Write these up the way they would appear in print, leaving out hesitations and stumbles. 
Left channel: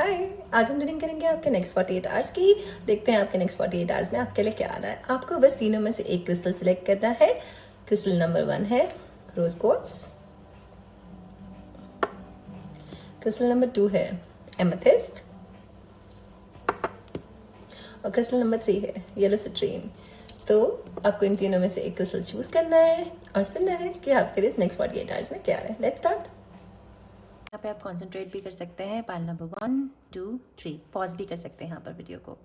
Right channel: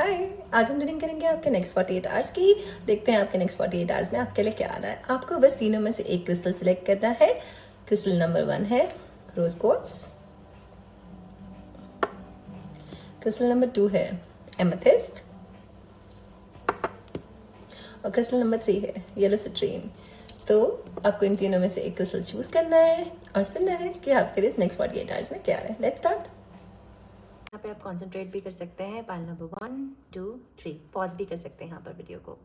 हाय, आज हम रीडिंग करेंगे आपके नेक्स्ट 48 आवर्स की। देखते हैं आपके नेक्स्ट 48 आवर्स में आपके लिए क्या आ रहा है। आपको बस तीनों में से एक क्रिस्टल सिलेक्ट करना है। क्रिस्टल नंबर 1 है रोज क्वार्ट्ज, क्रिस्टल नंबर 2 है एमेथिस्ट और क्रिस्टल नंबर 3 है येलो सिट्रीन। तो आपको इन तीनों में से एक क्रिस्टल चूज करना है और सुनना है कि आपके लिए नेक्स्ट 48 आवर्स में क्या आ रहा है। Let's start. यहाँ पे आप कंसंट्रेट भी कर सकते हैं। पाइल नंबर 1 2 3 पॉज भी कर सकते हैं यहाँ पर वीडियो को।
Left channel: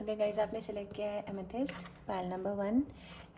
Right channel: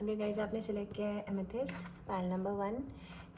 अगर गाइज आपने सेलेक्ट किया है एमेथिस्ट पाइल नंबर 1,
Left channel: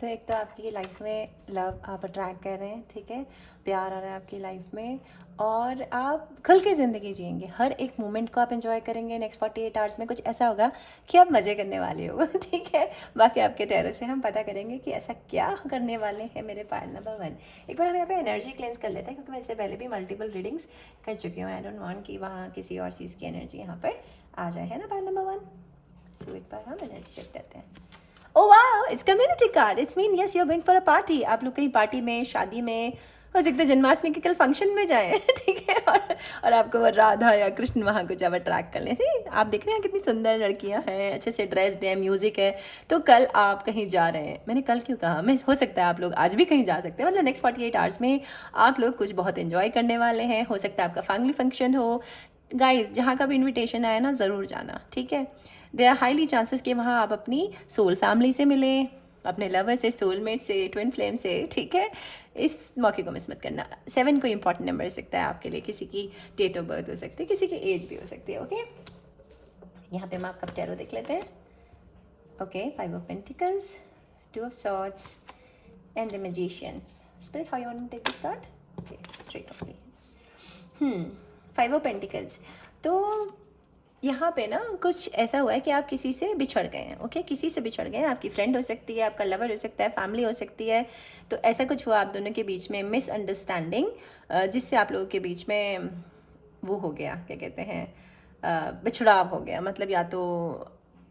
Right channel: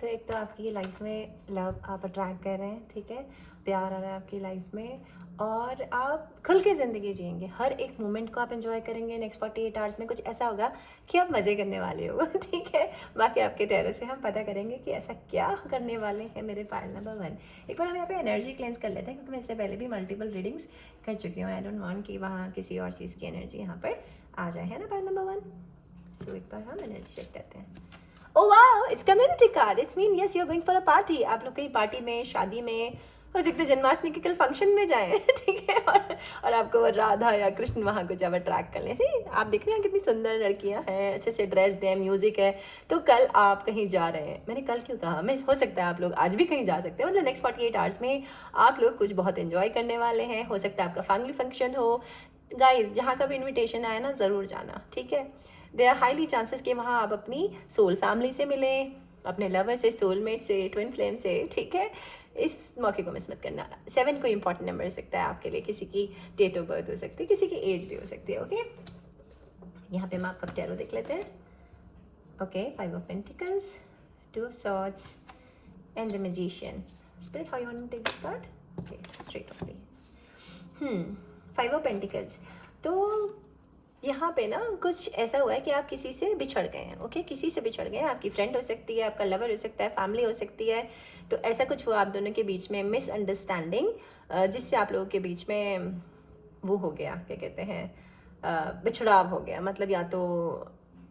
तो एक तो आपकी लाइफ में लव आप अट्रैक्ट कर रहे हैं, ठीक है, प्यार आ रहा है आपकी लाइफ में और आप खुल के ज़िंदगी जिएंगे। हर एक मोमेंट को आप एंजॉय करेंगे। नेक्स्ट 48 आवर्स में कुछ ऐसा होगा कि आप मज़े करने वाले हो, ठीक है। बाकी आपके टैरो से हम पता करेंगे कि ऐसा क्या करने वाले हैं मेरे पाइल नंबर 1। एक बार हम यहाँ पे एनर्जी क्लेंस कर लेते हैं, क्योंकि मैं इससे पहले भी मल्टीपल रीडिंग्स कर चुकी हूँ। आई डोंट वांट कि वहाँ किसी और चीज़ की एनर्जी यहाँ पर आ जाए, है ना पाइल नंबर 1। सो एक बार हम एनर्जी चेक करते हैं। Oh wow, it's community card. It's mean yes you are going for a party. आप लोग कहीं पार्टी में, शादी में, हो सकता है जन्माष्टमी के कल फंक्शन में जाएं, ठीक है। और आपको वो राधा या कृष्ण वहाँ कुछ अब अट्रैक्ट कर लें। सी आप देख रहे हैं कितनी सुंदर लड़कियाँ हैं, अच्छे से ड्रेस्ड है, म्यूजिक है। तो कल आप कहीं जा रहे हैं। मैंने कल क्यों कहा, मैं हो सकता है आप लोग आज भी कहीं जा सकते हैं। मतलब नेक्स्ट 48 आवर्स में आप लोग कुछ बहुत इन्जॉय करने वाले हैं। हो सकता है आपका फैमिली फंक्शन हो। गाइज जहाँ का भी इन्विटेशन आया ना, ज़रूर जाना, ठीक है। देर आर हाईली चांसेस कि वहाँ आप अपनी सोल फैमिली से मिलें, अपने लवर से, सोलमेट से, ट्विन फ्लेम से, ठीक है। इस मौके को मिस मत करना। 7 कोई इंपॉर्टेंट नंबर हो सकता है आपके लिए, किसी की डेट ऑफ बर्थ हो सकती है, किसी की एज भी हो सकती है, ओके। यहाँ पे हम आपका टैरो देख लेते हैं। Okay, 5 of pentacles, 2 of swords and the magician. Spirit how you want to take this card? Okay, straight off please. 5 of pentacles. तो यहाँ पे ना कुछ ऐसा हुआ है कि आप किसी से बिछड़ गए हैं, ओके। किसी से बिछड़ गए हैं, आपकी फ्रेंड हो सकती है, आपका लवर हो सकता है, फैमिली हो सकती है। तो ऐसा कुछ हुआ आप दोनों के बीच में, मिसअंडरस्टैंडिंग, जिससे आप लोगों के बीच में वो हो गया, क्या कहते हैं, बिछड़ाव हो गया। मतलब या तो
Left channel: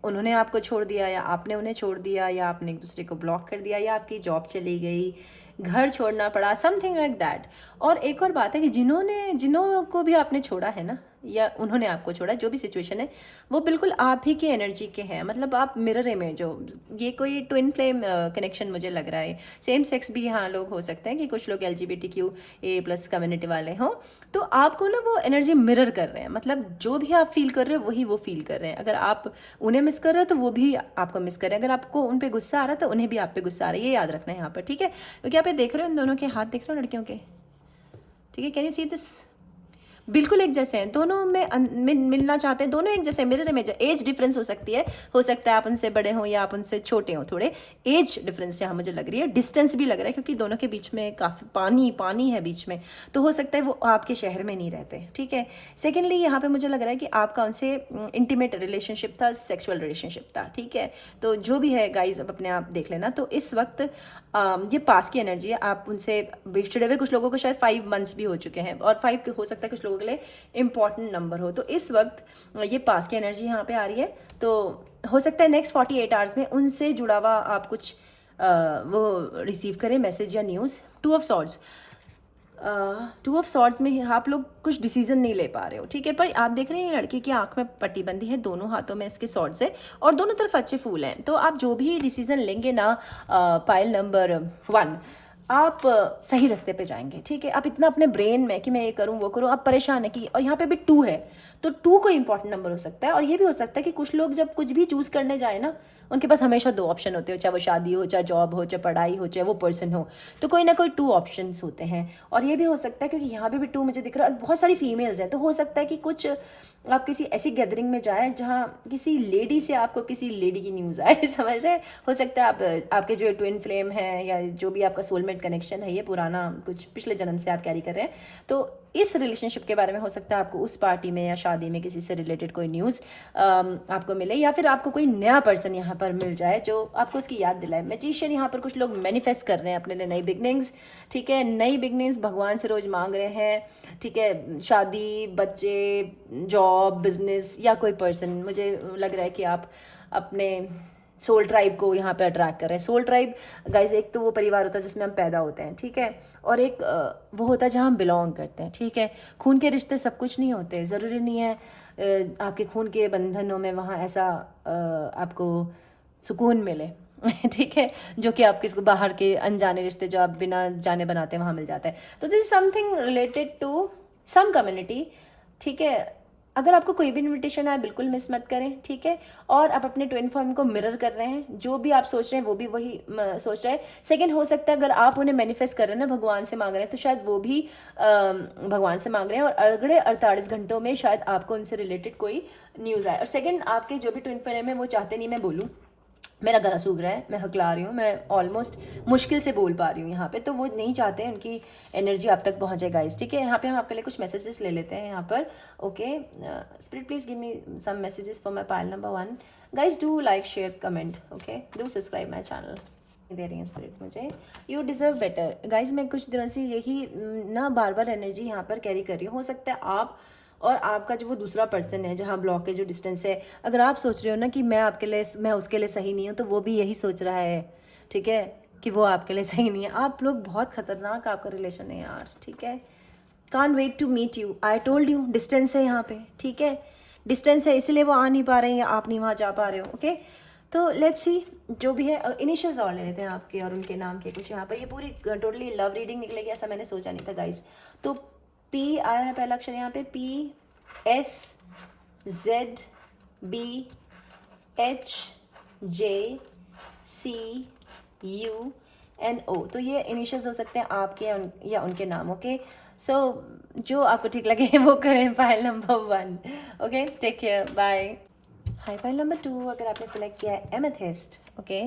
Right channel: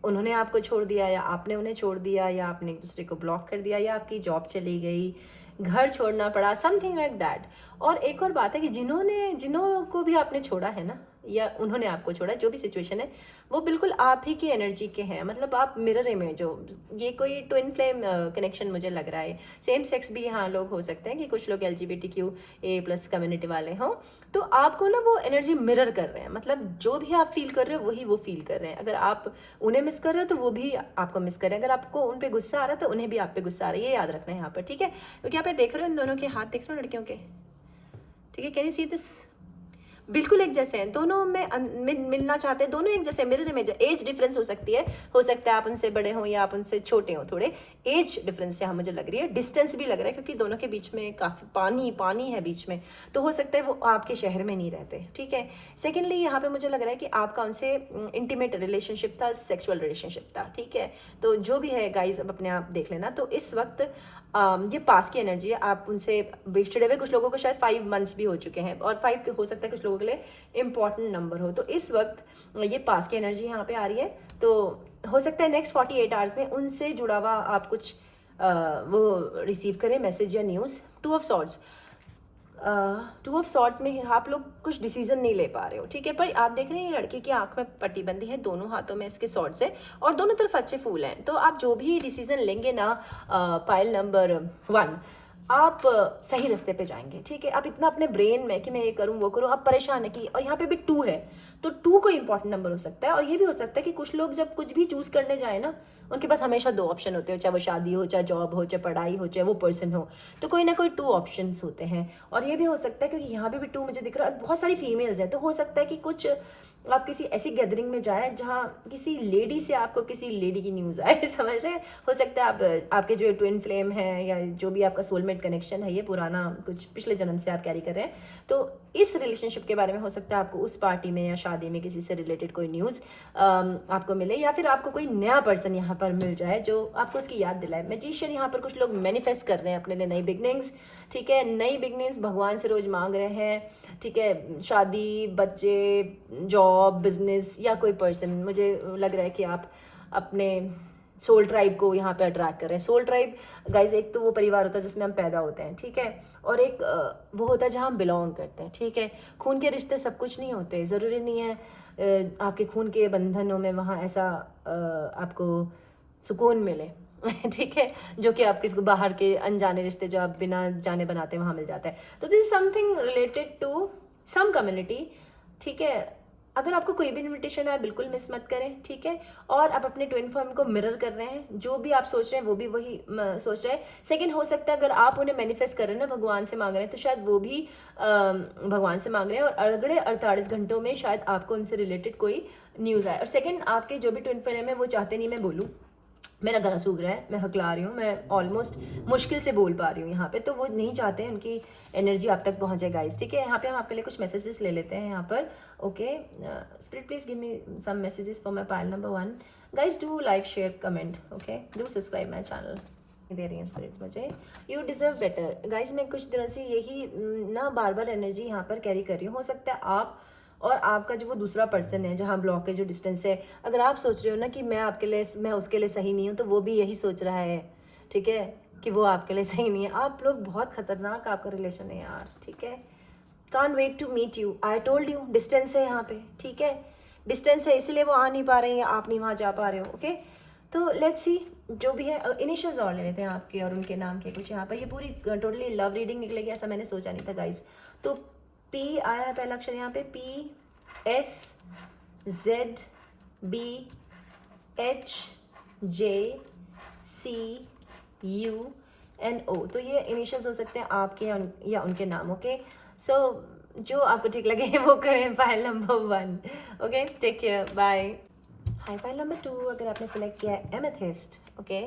उन्होंने आपको छोड़ दिया या आपने उन्हें छोड़ दिया, या आपने एक दूसरे को ब्लॉक कर दिया, या आपकी जॉब चली गई, घर छोड़ना पड़ा, समथिंग लाइक दैट। और एक और बात है कि जिन्हों को भी आपने छोड़ा है ना, या उन्होंने आपको छोड़ा, जो भी सिचुएशन है वो बिल्कुल आप ही की एनर्जी के हैं। मतलब आप मिरर इमेज हो। ये कोई ट्विन फ्लेम कनेक्शन मुझे लग रहा है। सेम सेक्स भी यहाँ लोग हो सकते हैं कि कुछ लोग LGBTQA+ कम्युनिटी वाले हों। तो आपको ना वो एनर्जी मिरर कर रहे हैं। मतलब जो भी आप फील कर रहे हो वही वो फील कर रहे हैं। अगर आप उन्हें मिस कर रहे हो तो वो भी आपको मिस कर रहे हैं। अगर आपको उन पर गुस्सा आ रहा है तो उन्हें भी आप पे गुस्सा आ रहा है। ये याद रखना है यहाँ पर, ठीक है। क्योंकि आप ये देख रहे हो, इन दोनों के हाथ देख रहे हो लड़कियों के, ठीक है। Can you see this? बिल्कुल एक जैसे हैं दोनों में मिलना चाहते हैं, दोनों एक जैसे मिरर इमेज। एज डिफरेंस हो सकती है, हो सकता है आप उनसे बड़े हों या आप उनसे छोटे हों। थोड़े एज डिफरेंस यहाँ मुझे लग रही है, डिस्टेंस भी लग रहा है, क्योंकि दोनों के बीच में काफ़ी पानी है बीच में। तो हो सकता है वो आपके शहर में नहीं रहते, ठीक है। सेकेंडली यहाँ पे मुझे लग रहा है कि आपका उनसे इंटीमेट रिलेशनशिप था, सेक्सुअल रिलेशनशिप था, ठीक है। तो जो भी है गाइज, अब अपने आप देख लेना। तो इस वक्त ये पास की एनर्जी है। आप उनसे बिछड़े हुए, कुछ लोगों को शायद 5 मंथ्स भी हो चुके हैं, और 5 हो सकता है कुछ लोगों के लिए इंपॉर्टेंट नंबर हो। तो इस वक्त ये पास की एनर्जी यहाँ पे आ रही है। तो हो सकता है नेक्स्ट 48 आवर्स में उनसे जुड़ा हुआ आप कुछ वो रिसीव करें, मैसेज या news. 2 of swords, 2 of swords में आप लोग कुछ डिसीजन नहीं ले पा रहे हो, ठीक है। पर आप देख रहे हैं लड़की की आंख में पट्टी बंदी है, दोनों हाथों में इसके सॉर्ड्स है, और दोनों तरफ अच्छे फूल हैं। तो आप जो भी डिसीजन लेंगे ना, पाइल नंबर 1, आप सही रास्ते पे जाएंगे, ठीक है। आप इतना अपने ब्रेन में कि मैं ये करूँ वो करूँ, आप परेशान है कि, और यहाँ पे भी 2 है, तो 2 कोई इंपॉर्टेंट नंबर हो सकता है। और ये भी हो सकता है कि कुछ लोग जब कुछ भी चूज़ करने जाए ना, उनके पास हमेशा 2 ऑप्शन होते हैं, चाहे वो शादी हो, चाहे जॉब हो, चाहे पढ़ाई हो, चाहे वो पर्सन हो। तो कोई ना कोई 2 ऑप्शंस होते हैं। और ये भी हो सकता है, क्योंकि यहाँ पे भी 2 मुझे दिख रहा है, और बहुत सारी फीमेल्स हैं। तो हो सकता है कि कुछ आप किसी ऐसी गैदरिंग में जाए जहाँ किसी लेडी से आपको किसी लेडी की न्यूज़ आए, समझ रहे हैं। हो सकता है आप आपके जो ट्विन फ्लेम है, या जो भी आपका सोलमेट कनेक्शन है, ये पुराना कुछ पिछले जन्म से आप कैरी कर रहे हैं। तो इस रिलेशनशिप के बारे में हो सकता है आपको उस पार्टी में या शादी में किसी से रिलेटेड कोई न्यूज़ आपको मिले, या फिर आपको कोई नया पर्सन यहाँ पर मिल जाए जो आपको उसकी याद दिलाए। मैजिशियन, यहाँ पर कुछ लोग मैनिफेस्ट कर रहे हैं अपने लिए नई बिगनिंग्स, ठीक है। नई बिगनिंग्स भगवान से रोज मांग रहे हैं, ठीक है। शादी, बच्चे, जॉब, बिजनेस, या कोई पर्सन। मुझे लग रहा है कि आप अपने सोल ट्राइब को यहाँ पे अट्रैक्ट कर रहे हैं। सोल ट्राइब गाइस एक तो वो परिवार होता है जिसमें हम पैदा होते हैं, ठीक है, और एक वो होता है जहाँ हम बिलोंग करते हैं, ठीक है। खून के रिश्ते सब कुछ नहीं होते, ज़रूरी नहीं है आपके खून के बंधनों में वहाँ ऐसा आपको सुकून मिले ठीक है, जो कि आपके बाहर के अनजाने रिश्ते जो आप बिना जाने बनाते हैं वहाँ मिल जाता है। तो this is something related to some community, ठीक है। अगर आपको कोई भी इन्विटेशन आए बिल्कुल मिस मत करें, ठीक है। और आप अपने ट्विन फॉर्म को मिरर कर रहे हैं, जो भी आप सोच रहे हैं वो भी वही सोच रहे हैं। सेकंड, हो सकता है अगर आप उन्हें मैनिफेस्ट कर रहे हैं ना, भगवान से मांग रहे हैं, तो शायद वो भी भगवान से मांग रहे हैं और अगले 48 घंटों में शायद आपको उनसे रिलेटेड कोई न्यूज़ आए। और सेकेंड, आपके जो भी ट्विन फ्लेम है वो चाहते नहीं मैं बोलूँ, मेरा गला सूख रहा है, मैं हकला रही हूँ, मैं ऑलमोस्ट मुश्किल से बोल पा रही हूँ यहाँ पे, तो वो नहीं चाहते हैं उनकी एनर्जी आप तक पहुँचे गाइस, ठीक है। यहाँ पे हम आपके लिए कुछ मैसेजेस ले लेते हैं यहाँ पर। Okay, spirit please give me some messages for my pile number 1। Guys do like share comment, okay, do subscribe my channel. दे रही है स्पिरिट मुझे, यू डिजर्व बेटर। गाइस मैं कुछ दिनों से यही ना बार बार एनर्जी यहाँ पर कैरी कर रही हूँ। हो सकता है आप और आपका जो वो दूसरा पर्सन है जहाँ ब्लॉक के जो डिस्टेंस है, अगर आप सोच रहे हो ना कि मैं आपके लिए, मैं उसके लिए सही नहीं हूँ, तो वो भी यही सोच रहा है, ठीक है, कि वो आपके लिए सही नहीं है। आप लोग बहुत खतरनाक आपका रिलेशन है यार, ठीक है। Can't wait to meet you, I told you distance है यहाँ पे, ठीक है, डिस्टेंस है, इसलिए वो आ नहीं पा रहे हैं या आप नहीं वहाँ जा पा रहे हो, ओके। तो लेट्स सी जो भी है, इनिशियल्स और ले लेते हैं आपके और उनके नाम के कुछ यहाँ पर। ये पूरी टोटली लव रीडिंग निकलेगी ऐसा मैंने सोचा नहीं था गाइज। तो पी आया है पहला अक्षर यहाँ पे, P S Z B H J C U N O. तो ये इनिशियल्स हो सकते हैं आपके या उनके नाम, ओके। सो जो आपको ठीक लगे वो करें। File number 1, okay, take care, bye. Hi, file number 2 अगर आपने सेलेक्ट किया है एमेथिस्ट, ओके,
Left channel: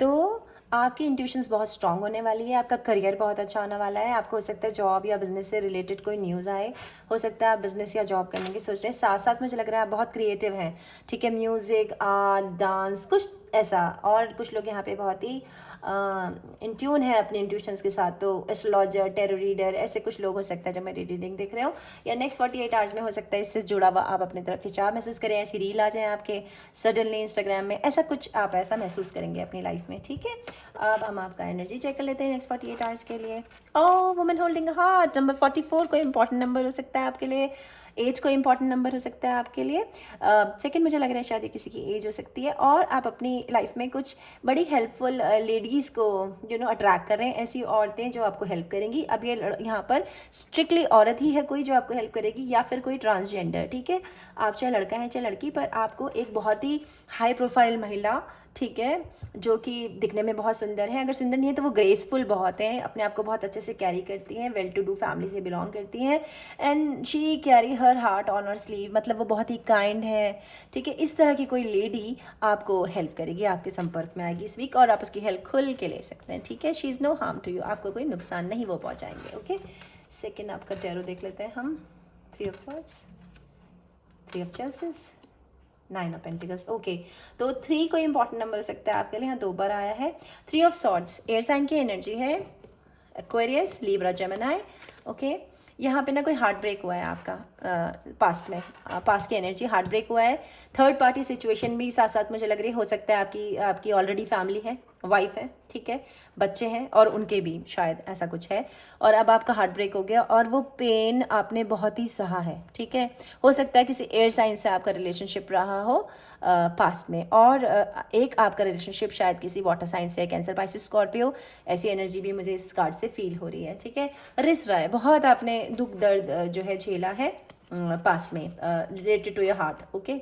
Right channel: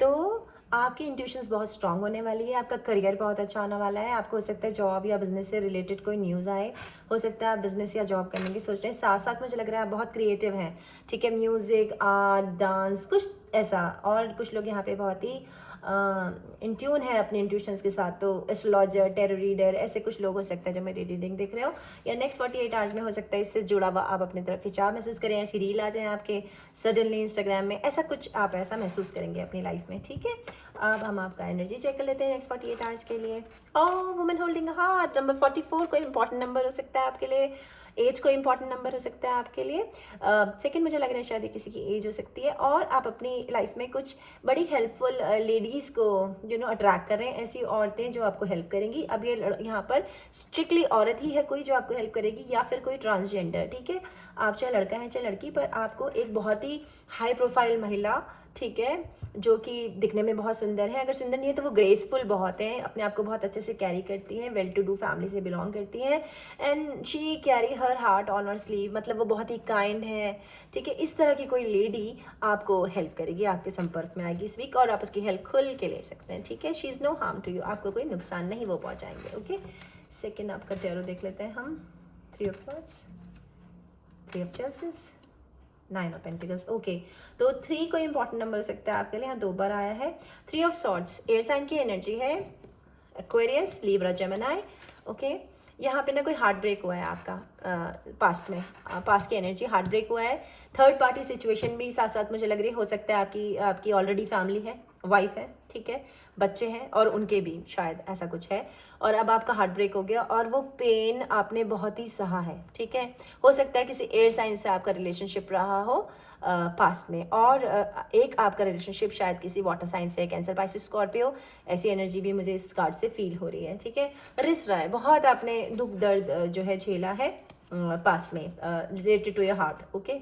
तो आपकी इंट्यूशंस बहुत स्ट्रांग होने वाली है, आपका करियर बहुत अच्छा होने वाला है। आपको हो सकता है जॉब या बिजनेस से रिलेटेड कोई न्यूज़ आए, हो सकता है आप बिजनेस या जॉब करने की सोच रहे हैं। साथ साथ मुझे लग रहा है आप बहुत क्रिएटिव हैं, ठीक है, म्यूज़िक, आर्ट, डांस, कुछ ऐसा। और कुछ लोग यहाँ पे बहुत ही इन ट्यून है अपने इंट्यूशंस के साथ, तो एस्ट्रोलॉजर, टेरो रीडर, ऐसे कुछ लोग हो सकता है जब मेरी रीडिंग देख रहे हो, या नेक्स्ट 48 आवर्स में हो सकता है इससे जुड़ा हुआ आप अपनी तरफ खिंचाव महसूस करें, ऐसी रील आ जाए आपके सडनली इंस्टाग्राम में, ऐसा कुछ आप ऐसा महसूस करेंगे अपनी लाइफ में, ठीक है। अब हम आपका एनर्जी चेक कर लेते हैं नेक्स्ट 48 आवर्स के लिए। Oh, woman holding a heart, number 44 कोई इंपॉर्टेंट नंबर हो सकता है आपके लिए, एज कोई इंपॉर्टेंट नंबर हो सकता है आपके लिए। सेकंड, मुझे लग रहा है शायद किसी की एज हो सकती है, और आप अपनी लाइफ में कुछ बड़ी हेल्पफुल लेडीज़ को अट्रैक्ट कर रहे हैं, ऐसी औरतें जो आपको हेल्प करेंगी। अब ये यहाँ पर स्ट्रिक्टली औरत ही है कोई जो आपको हेल्प करेगी, या फिर कोई ट्रांसजेंडर, ठीक है। आप चाहे लड़का है चाहे लड़की, पर आपको एक बहुत ही हाई प्रोफाइल महिला, ठीक है, जो कि दिखने में बहुत सुंदर है, अगर सुंदर नहीं है तो वो ग्रेसफुल बहुत है, अपने आप को बहुत अच्छे से कैरी करती हैं, वेल टू डू फैमिली से बिलोंग करती हैं, and she carry her heart on her sleeve, मतलब वो बहुत ही काइंड है, ठीक है। इस तरह की कोई लेडी आपको हेल्प करेगी, आपके संपर्क में आएगी इस वीक, और आप उसकी हेल्प खुल के ले सकते हैं, ठीक है। She is no harm to you, आपको कोई नुकसान नहीं वो पहुँचाएंगे, ओके। सेकेंड आपका टैरो देख लेते हैं हम। 3 of swords, 3 of chalices, 9 of pentacles, okay. तो 3 कोई इंपॉर्टेंट नंबर हो सकता है आपके लिए, यहाँ 2 बार आया है। 3 ऑफ सॉर्ड्स एयर साइन की एनर्जी है, एक्वेरियस, लिब्रा, जेमिनी, ओके। यहाँ पे ना कोई हार्ट ब्रेक हुआ है आपका पास्ट में, पास्ट की एनर्जी, हार्ट ब्रेक हुआ है। थर्ड पार्टी सिचुएशन भी साथ साथ मुझे लग रही है, हो सकता है आपकी ऑलरेडी फैमिली है, वाइफ है, ठीक है, बच्चे हैं, और उनके भी शायद ऐसा कुछ है, और अब आपका हार्ट ब्रेक हो गया, और वो पेन आपने बहुत ही सहा है, ठीक है। हो सकता है किसी एयर साइन से आपका रिलेशनशिप रहा हो पास्ट में, और एक आपका रिलेशनशिप शायद किसी वाटर साइन से, कैंसर, पाइसेस, स्कॉर्पियो, ऐसी एनर्जी भी मुझे इस कार्ड से फील हो रही है, ठीक है। रिस रहा है, बहुत आपने दुख दर्द जो है झेला है पास में, related to your heart, okay,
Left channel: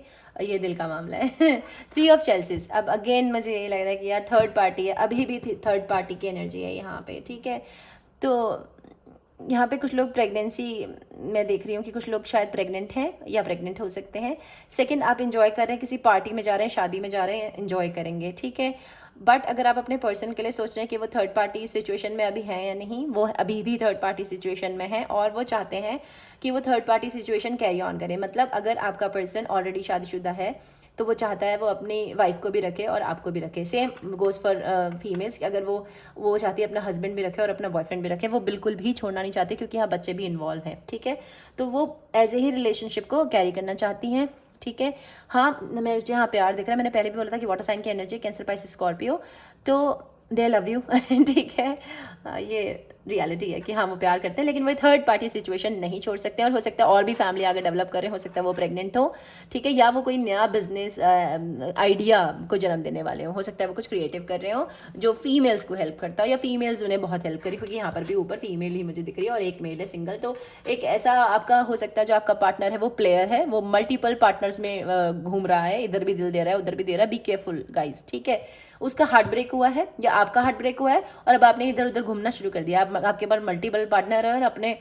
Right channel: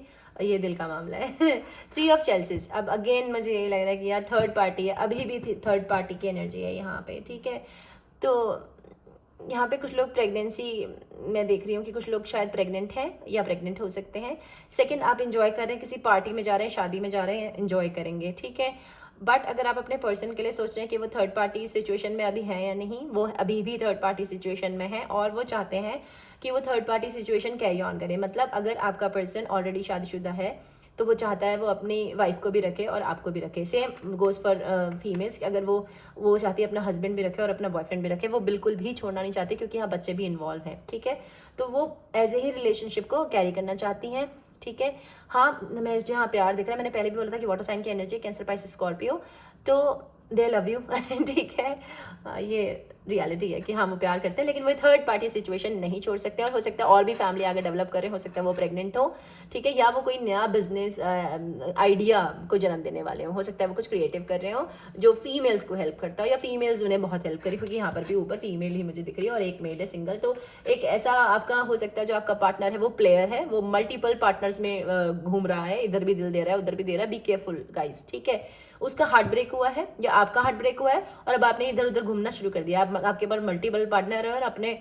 ये दिल का मामला है। 3 ऑफ चेल्सिस, अब अगेन मुझे ये लग रहा है कि यार थर्ड पार्टी है, अभी भी थर्ड पार्टी की एनर्जी है यहाँ पे, ठीक है। तो यहाँ पे कुछ लोग प्रेगनेंसी, मैं देख रही हूँ कि कुछ लोग शायद प्रेग्नेंट हैं या प्रेग्नेंट हो सकते हैं। सेकंड, आप इंजॉय कर रहे हैं, किसी पार्टी में जा रहे हैं, शादी में जा रहे हैं, इंजॉय करेंगे, ठीक है। बट अगर आप अपने पर्सन के लिए सोच रहे हैं कि वो थर्ड पार्टी सिचुएशन में अभी है या नहीं, वो अभी भी थर्ड पार्टी सिचुएशन में है, और वो चाहते हैं कि वो third party situation carry on करे। मतलब अगर आपका पर्सन ऑलरेडी शादीशुदा है तो वो चाहता है वो अपनी वाइफ को भी रखे और आपको भी रखे। सेम गोज़ फॉर फीमेल्स, कि अगर वो चाहती है अपना हस्बैंड भी रखे और अपना बॉयफ्रेंड भी रखे, वो बिल्कुल भी छोड़ना नहीं चाहती, क्योंकि यहाँ बच्चे भी इन्वॉल्व हैं, ठीक है। तो वो एज ए ही रिलेशनशिप को कैरी करना चाहती हैं, ठीक है। हाँ, मैं जहाँ प्यार दिख रहा है, मैंने पहले भी बोला था कि वाटर साइन की एनर्जी, कैंसर, पाइसेस, स्कॉर्पियो, तो दे लव यू ठीक है। ये रियलिटी है कि हाँ वो प्यार करते हैं, लेकिन वो थर्ड पार्टी सिचुएशन नहीं छोड़ सकते, और हो सकता है और भी फैमिली आगे डेवलप करे, हो सकता है वो प्रेग्नेंट हो, ठीक है, या वो कोई नया बिजनेस आइडिया को जन्म देने वाले हो सकता है वो कुछ क्रिएटिव कर रहे हो जो फीमेल्स को हेल्प करता हो, या फीमेल्स उन्हें बहुत हेल्प करी, क्योंकि यहाँ पर भी ऊपर फीमेल ही मुझे दिख रही है और एक मेल है सिंगल। तो एक ऐसा आपका हो सकता है जो आपका पार्टनर है वो प्लेयर है, वो मल्टीपल पार्टनर्स में घूम रहा है, इधर भी दिल दे रहा है उधर भी दे रहा है, बी केयरफुल गाइज, ठीक है। उसका हार्ट ब्रेक हुआ है या आपका हार्ट ब्रेक हुआ है और अब आपने इधर उधर घूमना शुरू कर दिया, आपके पास मल्टीपल पार्टनर है और अपने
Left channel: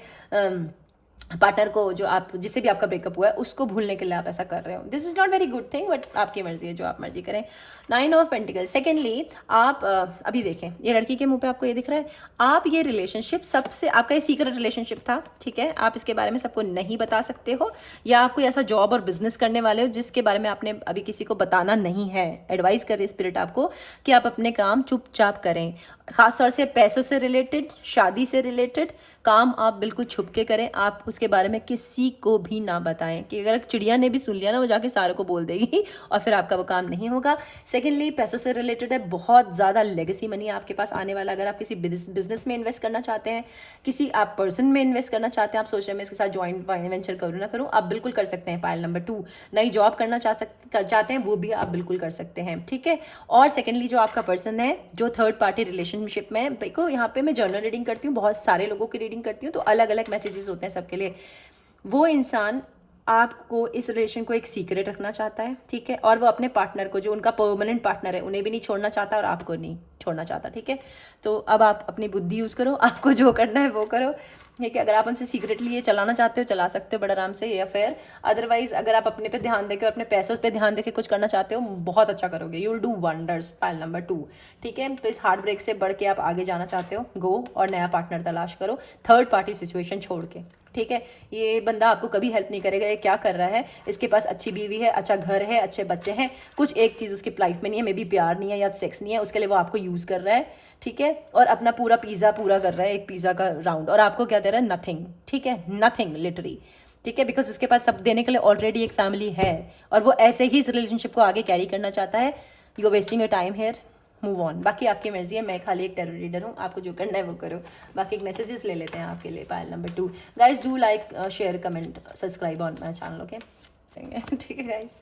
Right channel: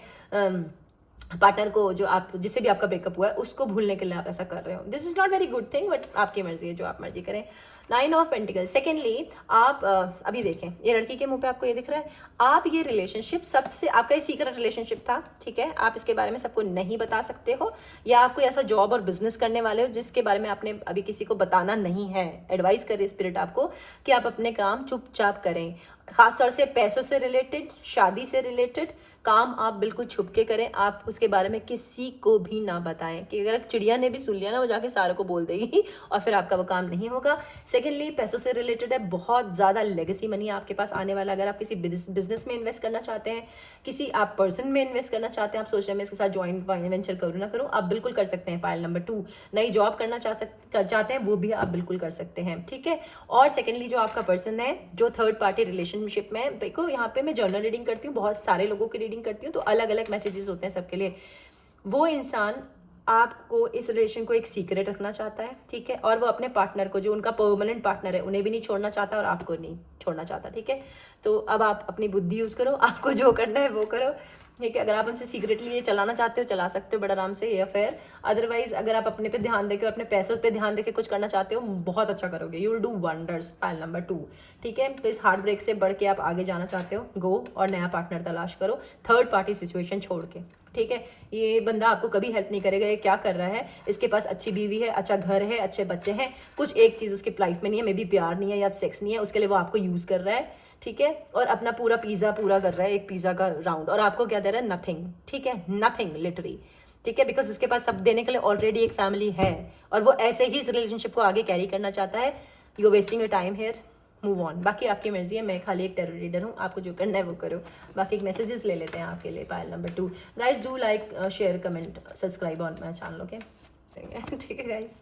पार्टनर को जो आप जिससे भी आपका ब्रेकअप हुआ है उसको भूलने के लिए आप ऐसा कर रहे हो। This is not very good thing, but आपकी मर्जी है, जो आप मर्जी करें। 9 ऑफ पेंटिकल। सेकेंडली आप अभी देखें, ये लड़की के मुंह पे आपको ये दिख रहा है, आप ये रिलेशनशिप सबसे, आपका ये सीक्रेट रिलेशनशिप था, ठीक है, आप इसके बारे में सबको नहीं बता सकते हो, या आप कोई ऐसा जॉब और बिजनेस करने वाले हो जिसके बारे में आपने अभी किसी को बताना नहीं है। एडवाइस कर रही स्पिरिट आपको कि आप अपने काम चुपचाप करें, खासतौर से पैसों से रिलेटेड, शादी से रिलेटेड काम आप बिल्कुल छुप के करें, आप उसके बारे में किसी को भी ना बताएं, कि अगर चिड़िया ने भी सुन लिया ना वो जाके सारों को बोल देगी और फिर आपका वो काम नहीं होगा। सेकेंडली पैसों से रिलेटेड है, बहुत ज़्यादा लेगेसी मनी आपके पास आने वाला। अगर आप किसी बिजनेस में इन्वेस्ट करना चाहते हैं, किसी आप पर्सन में इन्वेस्ट करना चाहते हैं, आप सोच रहे हैं मैं इसके साथ ज्वाइंट वेंचर करूँ ना करूँ, आप बिल्कुल कर सकते हैं। पाइल नंबर 2, नई जॉब करना चाहते हैं वो भी आप बिल्कुल कर सकते हैं, ठीक है। और सेकेंडली जो आपका पर्सन है जो थर्ड पार्टी रिलेशनशिप में, देखो यहाँ पे मैं जर्नल रीडिंग करती हूँ, बहुत सारे लोगों की रीडिंग करती हूँ, तो अलग अलग मैसेजेस होते हैं सबके लिए। वो इंसान आपको इस रिलेशन को एक सीक्रेट रखना चाहता है, ठीक है, और वो अपने पार्टनर को, जो उनका परमानेंट पार्टनर है, उन्हें भी नहीं छोड़ना चाहता और आपको नहीं छोड़ना चाहता, ठीक है। तो अब आप अपनी बुद्धि यूज़ करो, आपको जो करना है वो करो, ठीक है। अगर आप उनसे सीक्रेटली ये चलाना चाहते हो चला सकते हो बड़े आराम से, या फिर अदरवाइज अगर आप अपने पे ध्यान देकर, अपने पैसों पे ध्यान देकर कुछ करना चाहते हो, बहुत अच्छा करोगे, you will do wonders. Pile number 2, ठीक है। तो इस हार्ट ब्रेक से बढ़ के आप आगे जाना चाहते हो, गो और नया पार्टनर तलाश करो, थर्ड पार्टी सिचुएशन छोड़ के, ठीक है। ये बंदा आपको कभी हेल्प नहीं करेगा, ये क्या कर रहा है, इसके पास अच्छी बीवी है, अच्छा घर है, अच्छे बच्चे हैं, कुछ एक चीज़ उसकी लाइफ में नहीं है, मे बी प्यार नहीं है या सेक्स नहीं है, उसके लिए वो आपको यूज़ कर रहा है, ठीक है, और अपना पूरा पिज़्ज़ा पूरा कर रहा है, एक पिज़्ज़ा का राउंड, और आपको क्या दे रहा है, नथिंग, ठीक है, नथिंग लिटरली, ठीक है, बिकॉज उसके पास सब देने के लिए ऑलरेडी एक फैमिली है, और वो ऐसे ही इस रिलेशनशिप को आगे कैरी करना चाहता है। You are wasting your time here, move on. बाकी आपकी मर्जी है, मैं खाली एक टेरो रीडर हूँ, आपको जो करना है वो करो। बाकी एक मैसेजेस ले लेते हैं आपके लिए। Pile number 2, guys do like, share, comment, subscribe on my channel, okay, ठीक है गाइज।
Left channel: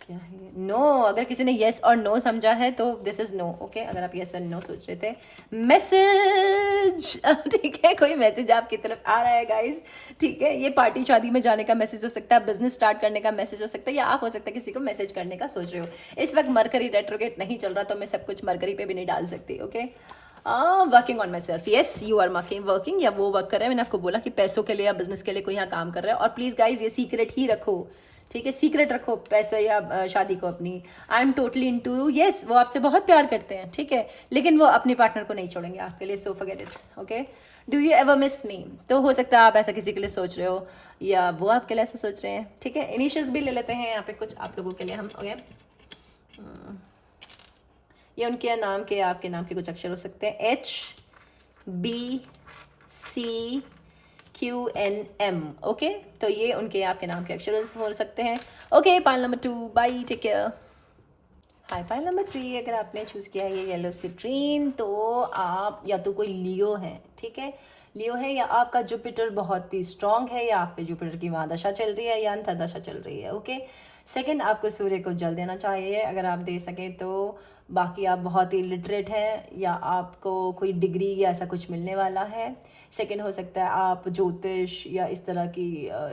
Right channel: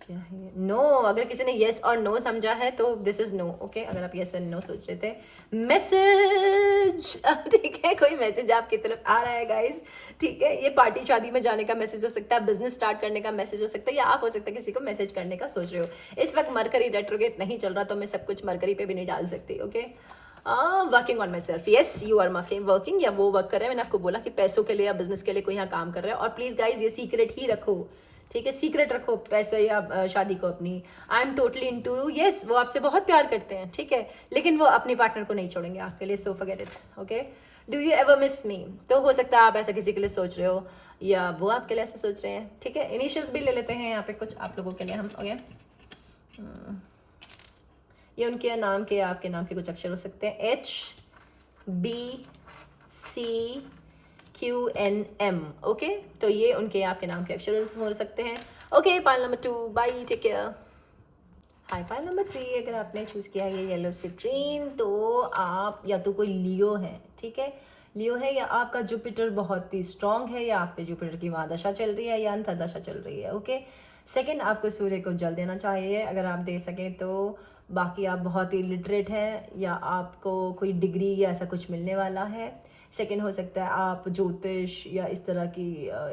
क्या है नो, अगर किसी ने येस और नो समझा है तो दिस इज नो, ओके। अगर आप येस और नो सोच रहे थे, मैसेज, ठीक है, कोई मैसेज आपकी तरफ आ रहा है गाइस, ठीक है। ये पार्टी शादी में जाने का मैसेज हो सकता है, बिजनेस स्टार्ट करने का मैसेज हो सकता है, या आप हो सकता है किसी को मैसेज करने का सोच रहे हो। इस वक्त मरकरी रेट्रोगेट नहीं चल रहा, तो मैं सब कुछ मरकरी पे भी नहीं डाल सकती, okay. Working on myself, yes you are working, या वो वर्क कर रहे हैं, मैंने आपको बोला कि पैसों के लिए या बिजनेस के लिए कोई यहाँ काम कर रहा है। और प्लीज गाइज ये सीक्रेट ही रखो, ठीक है, सीक्रेट रखो पैसे या शादी को अपनी। I am totally into, yes वो आपसे बहुत प्यार करते हैं, ठीक है, लेकिन वो अपने पार्टनर को नहीं छोड़ेंगे आपके लिए, so forget it, okay. Do you ever miss मी, तो हो सकता है आप ऐसा किसी के लिए सोच रहे हो या वो आपके लिए ऐसा सोच रहे हैं, ठीक है। इनिशियल्स भी ले लेते हैं यहाँ पे कुछ आप लोगों के लिए हम, ओके। ये उनके नाम के, आपके नाम के कुछ अक्षर हो सकते हैं, HBCQNM, ओके। तो ये उनके आपके नाम के अक्षर हो सकते हैं, okay. Pile number 2, bye, take care. Hi, pile number 3, अगर आपने चूज किया है ये येलो सिट्रीन, तो आप या तो कोई लियो है, ठीक है, लियो है, या आपका जुपिटर बहुत ही स्ट्रांग है, या आप पे जुपिटर की महादशा चल रही है या अंतर्दशा चल रही है, ओके। सेकंड, आपको सूर्य को जल देना चाहिए अगर आप दे सकें तो। बाकी आप बहुत ही लिटरेट हैं, या आपको कोई डिग्री या ऐसा कुछ मिलने वाला है। सेकंड हो सकता है आप ज्योतिष या इस तरह की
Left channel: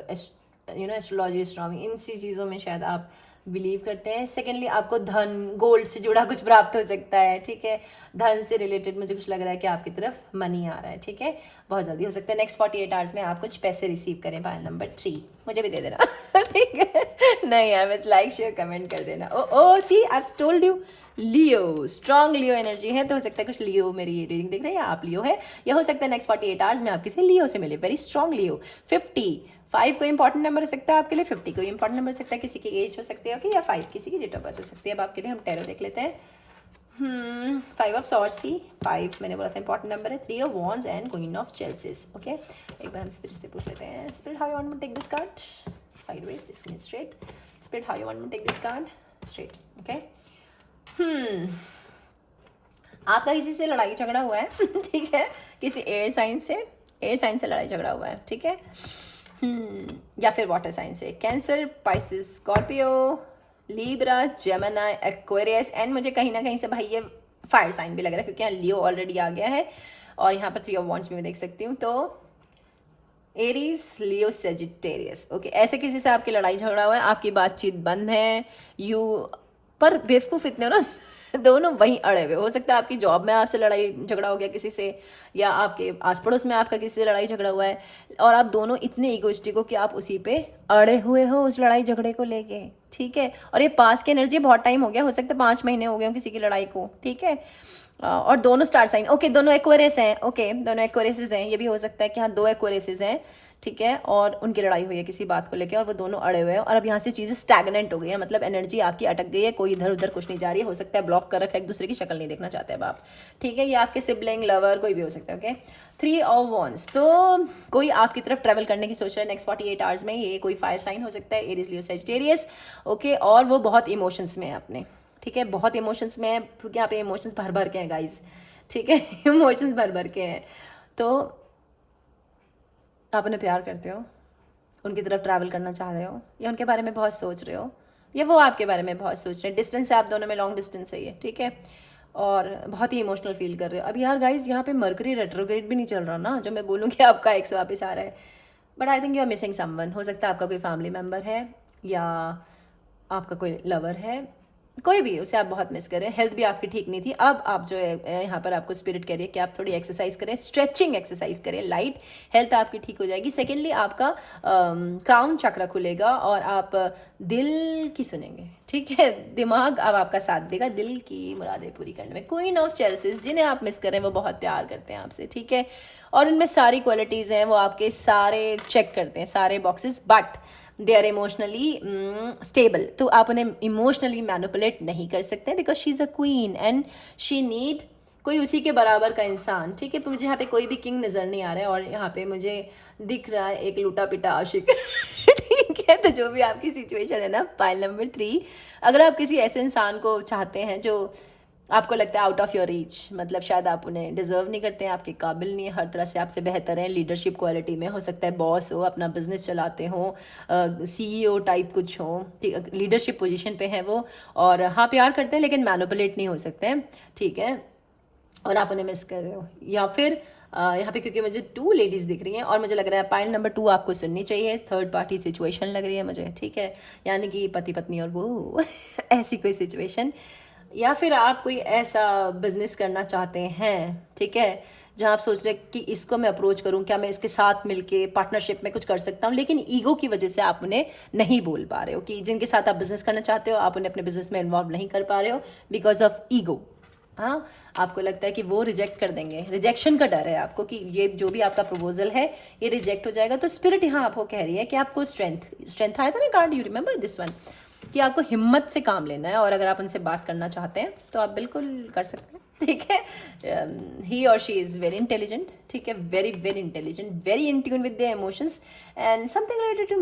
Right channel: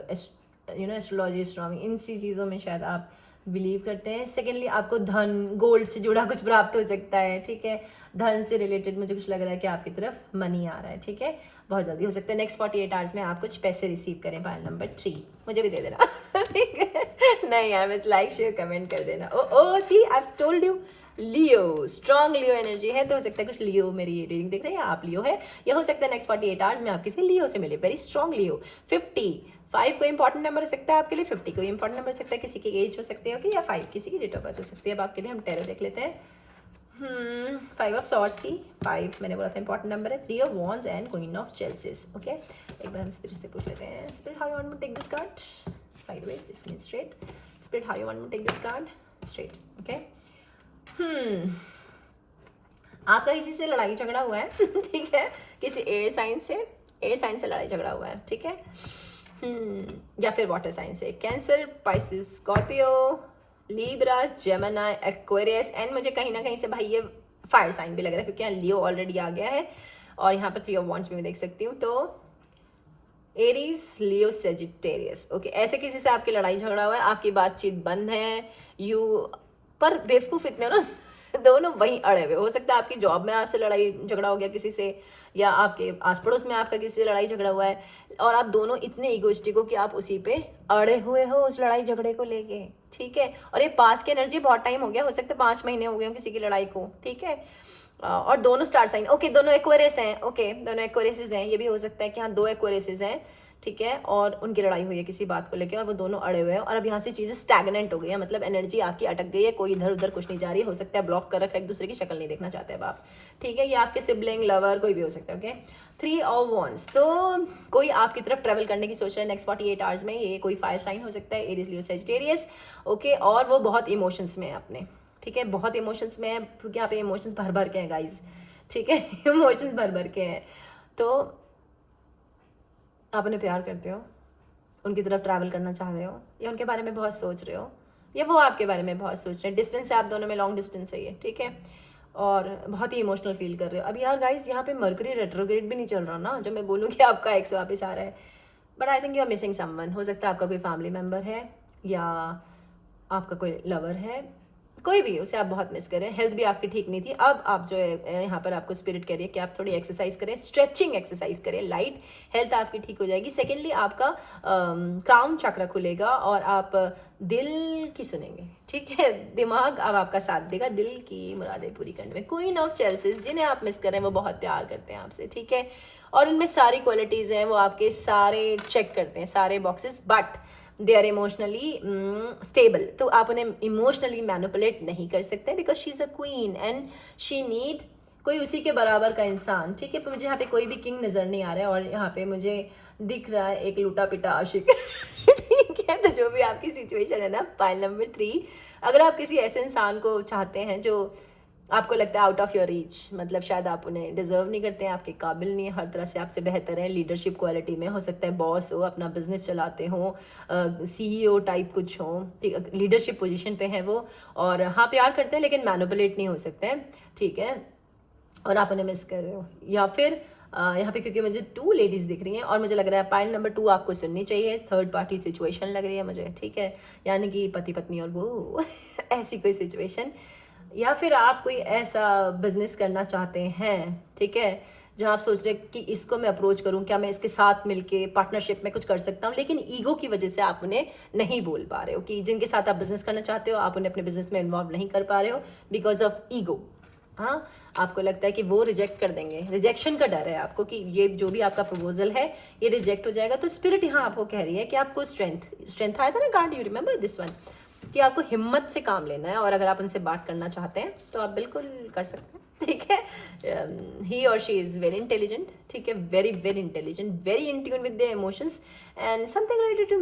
एस्ट्रोलॉजी, एस्ट्रोनॉमी, इन सी चीज़ों में शायद आप बिलीव करते हैं। सेकेंडली, आपको धन, गोल्ड से जुड़ा कुछ प्राप्त हो सकता है, ठीक है, धन से रिलेटेड मुझे कुछ लग रहा है कि आपकी तरफ मनी आ रहा है, ठीक है, बहुत जल्दी हो सकता है, नेक्स्ट 48 आवर्स में आप कुछ पैसे रिसीव करें। पाइल नंबर 3, मुझे भी दे देना ठीक है, नहीं यार, बस लाइक शेयर कमेंट कर देना। Oh see, I have told you, Leo, strong Leo energy है, तो हो सकता है कुछ लियो मेरी रीडिंग देख रहे हैं, या आप लियो है, या हो सकता है नेक्स्ट 48 आवर्स में आप किसी लियो से मिले, वेरी स्ट्रॉन्ग लियो। 55 कोई इंपॉर्टेंट नंबर हो सकता है आपके लिए, 50 कोई इंपॉर्टेंट नंबर हो सकता है, किसी की एज हो सकती है, ओके, या 5 किसी की डेट ऑफ बर्थ हो सकती है। अब आपके लिए हम टैरो देख लेते हैं। 5 ऑफ सॉर्ड्स, 5 मैंने बोला था इंपॉर्टेंट नंबर है। 3 of wands and queen of chalices, okay. एक बार हम स्पिरिट से पूछ लेते हैं, spirit how you want to take this card, sideways, this straight. Spirit, how you want me to take this card? Straight. Okay. आपका किसी से लड़ाई झगड़ा हुआ है ठीक है, किसी एयर साइन से लड़ाई झगड़ा हुआ है, ठीक है, या फिर वाटर साइन से, cancer, Pisces, Scorpio, Libra, Gemini, Aquarius, and मुझे कहीं ना कहीं से भाई ये फायर साइन भी लग रहा है क्योंकि यहाँ लियो ऑलरेडी आ गया है और यहाँ पर 3 ऑफ वॉन्ड्स भी मैं देख सकती हूँ। तो एरीज, लियो, सेजिटेरियस, ओके, ऐसे किसी से आपकी लड़ाई झगड़ा हुआ है, आपकी बातचीत बंद है, पर बेवकूफ़ इतने हो ना दोनों वहीं अड़े हुए। हो सकता है आपकी जॉब में आपसे लड़ाई झगड़ा हो गया किसी से, या आपके आस पड़ोस में आपका किसी से लड़ाई झगड़ा हुआ है और आप दोनों इतने ईगोइस्टिक हो कि आप उसी पे अड़े हुए हो उस लड़ाई झगड़े को लेके, ठीक है। और ये पास की एनर्जी, बहुत टाइम हो गया, हो सकता है 5 महीने हो गए हो किसी की लड़ाई को, ठीक है। और दोनों स्टार साइन, ओके, दोनों एक्वेरियस हैं, ओके, दोनों एक्वेरियस हैं, ये भी हो सकता है कि हाँ 2 एक्वेरियस हैं, ठीक है, और उनकी लड़ाई हुई है किसी बात को लेकर और वो दोनों अड़े हुए हैं और अब यहाँ से चीज़ें स्टैगनेंट हो गई है, मतलब एनर्जी आपकी अटक गई है, कोई इधर उधर कुछ नहीं जा रही है, हो सकता है ब्लॉक कर रखा है, एक दूसरे की शक्ल नहीं देखना चाहते अब आप, ठीक है, या आपके सिबलिंग, लवर, कोई भी हो सकता है, ओके। 3 ऑफ वॉन्ड्स, तो कोई आपकी तरफ ट्रैवल करने की सोच रहा है नेक्स्ट 48 आवर्स में, ये कोई फायर साइन हो सकता है, एरीज, लियो, सेजिटेरियस, ओके, और वो बहुत इमोशंस में है अपने, ठीक है, बहुत इमोशंस में है क्योंकि यहाँ पे इमोशंस भर भर के हैं गाइज, ठीक है, इमोशंस भर भर के हैं। तो आप उन्हें प्यार करते हो, उनकी तरफ ट्रैवल करना चाह रहे हो, या उनके बारे में बहुत सोच रहे हो, या वो आपके बारे में बहुत सोच रहे हैं, डिस्टेंस है आप दोनों में, लॉन्ग डिस्टेंस है ये, ठीक है, और बहुत ही इमोशनल फील कर रहे हो। अब यार गाइज यहाँ पे मरकरी रेट्रोग्रेड भी नहीं चल रहा ना, जो मैं बोलूँ कि आपका एक्स वापस आ रहा है, but I think you are missing someone. हो सकता है आपका कोई फैमिली मेम्बर है या आपका कोई लवर है, कोई भी, उसे आप बहुत मिस करें। हेल्थ भी आपकी ठीक नहीं थी, अब आप जो है यहाँ पर आपको स्पिरिट कह रही है कि आप थोड़ी एक्सरसाइज करें, स्ट्रेचिंग एक्सरसाइज करें, लाइट, हेल्थ आपकी ठीक हो जाएगी। सेकेंडली आपका क्राउन चक्र खुलेगा और आप दिल की सुनेंगे, ठीक है, दिमाग अब आपका साथ देगा दिल की मुरादें पूरी करने में। क्वीन ऑफ चेल्सिस, जिन्हें आप मिस कर रहे हैं वो बहुत प्यार करते हैं आपसे, ठीक है, और उनमें सारी क्वालिटीज़ हैं, वो आपके सारे चेक करते हैं, सारे boxes, but they are emotionally stable, तो आप उन्हें इमोशनली मैनिपुलेट नहीं कर सकते because she is a queen and she need कोई उसी के बराबर का इंसान, ठीक है। मुझे यहाँ पे कोई भी किंग नज़र नहीं आ रहा है और यहाँ पे मुझे दिख रहा है एक लूटा पिटा आशिक ठीक है। तो जो भी आपकी सिचुएशन है ना, पाइल नंबर 3, अगर आप किसी ऐसे इंसान को चाहते हैं जो आपको लगता है आउट ऑफ योर रीच, मतलब शायद आप उन्हें डिजर्व नहीं करते हैं, आपके काबिल नहीं है, हर तरह से आपसे बेहतर हैं, लीडरशिप क्वालिटी में, हो सकता है बॉस हो, अपना बिजनेस चलाते हो, CEO टाइप कुछ हो, लीडरशिप पोजीशन पे है वो, और हाँ प्यार करते हैं लेकिन मैनिपुलेट नहीं हो सकते हैं, ठीक है, और आप उन्हें मिस कर रहे हो। या फिर यहाँ पे क्योंकि मुझे 2 लेडीज़ दिख रही हैं और मुझे लग रहा है पाइल नंबर 2 आपको सुननी चाहिए, थर्ड पार्टी सिचुएशन लग रही है मुझे, ठीक है, यानी कि पति पत्नी और वो ऐसी कोई सिचुएशन, या फिर आप कोई ऐसा बिजनेस करना चाहते हैं, ठीक है, जहाँ आप सोच रहे हैं कि इसको मैं अप्रोच करूँ, क्या मैं इसके साथ मिलके पार्टनरशिप में कुछ कर सकता हूँ, लेकिन ईगो की वजह से आप उन्हें नहीं बोल पा रहे हो, कि जिनके साथ आप बिजनेस करना चाहते हो आप उन्हें अपने बिजनेस में इन्वॉल्व नहीं कर पा रहे हो बिकॉज ऑफ ईगो। हाँ, आपको लगता है कि वो रिजेक्ट कर देंगे, रिजेक्शन का डर है आपको कि ये जो भी आपका प्रपोजल है ये रिजेक्ट हो जाएगा। तो स्पिरिट यहाँ आपको कह रही है कि आपको स्ट्रेंथ आया था ना card, you remember this one, कि आपको हिम्मत से काम लेना है, और अगर आप उनसे बात करना चाहते हैं तो आप बिल्कुल कर सकते हैं, ठीक है। ही और शी इज़ वेरी इंटेलिजेंट, ठीक है, very very intelligent, very in tune with their emotions and something related to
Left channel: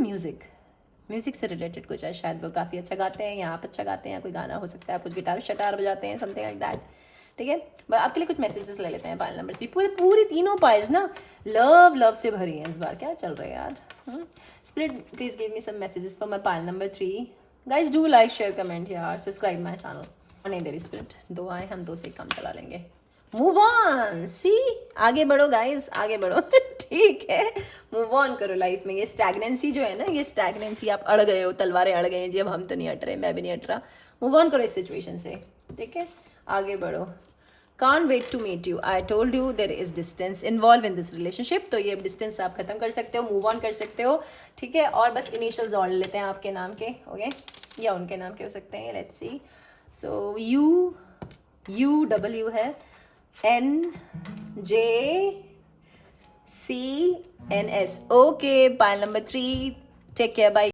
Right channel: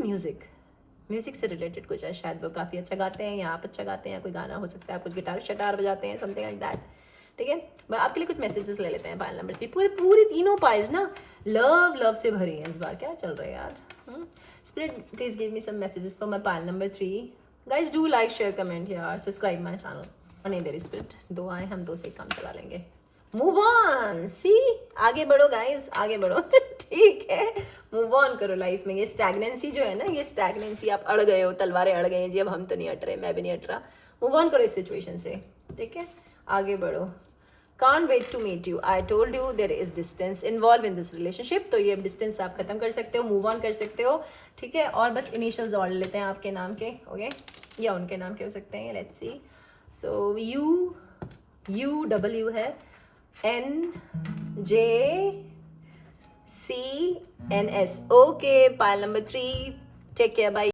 music से रिलेटेड कुछ है, शायद वो काफ़ी अच्छा गाते हैं या आप अच्छा गाते हैं, कोई गाना हो सकता है, आप कुछ गिटार शटार बजाते हैं, समथिंग लाइक दैट, ठीक है। आपके लिए कुछ मैसेजेस ले लेते हैं। पाइल नंबर 3, पूरी तीनों पाइल्स ना लव से भरी हैं इस बार, क्या चल रहा है यार। Spirit please give me some messages for my pile number 3। Guys do like share comment यार, सब्सक्राइब माई चैनल। नहीं दे रही स्पिरिट, 2 आए, हम 2 से ही काम चला लेंगे। मूव ऑन, सी, आगे बढ़ो गाइज, आगे बढ़ो ठीक है, मूव ऑन करो लाइफ में। ये स्टैग्नेंसी जो है ना, ये स्टैग्नेंसी, आप अड़ गए हो, तलवारें अड़ गई हैं जी, अब हम तो नहीं हट रहे, मैं भी नहीं हट रहा। मूव ऑन करो इस सिचुएशन से, ठीक है, आगे बढ़ो। Can't wait to meet you. I told you there is distance involved in this relationship. तो ये डिस्टेंस आप खत्म कर सकते हो, मूव ऑन कर सकते हो, ठीक है। और बस इनिशियल्स और लेते हैं आपके नाम के, ओके, या उनके नाम के हो सकते हैं, लेट्स सी। सो UW है, NJCNS, okay. Pile number 3, take care, bye.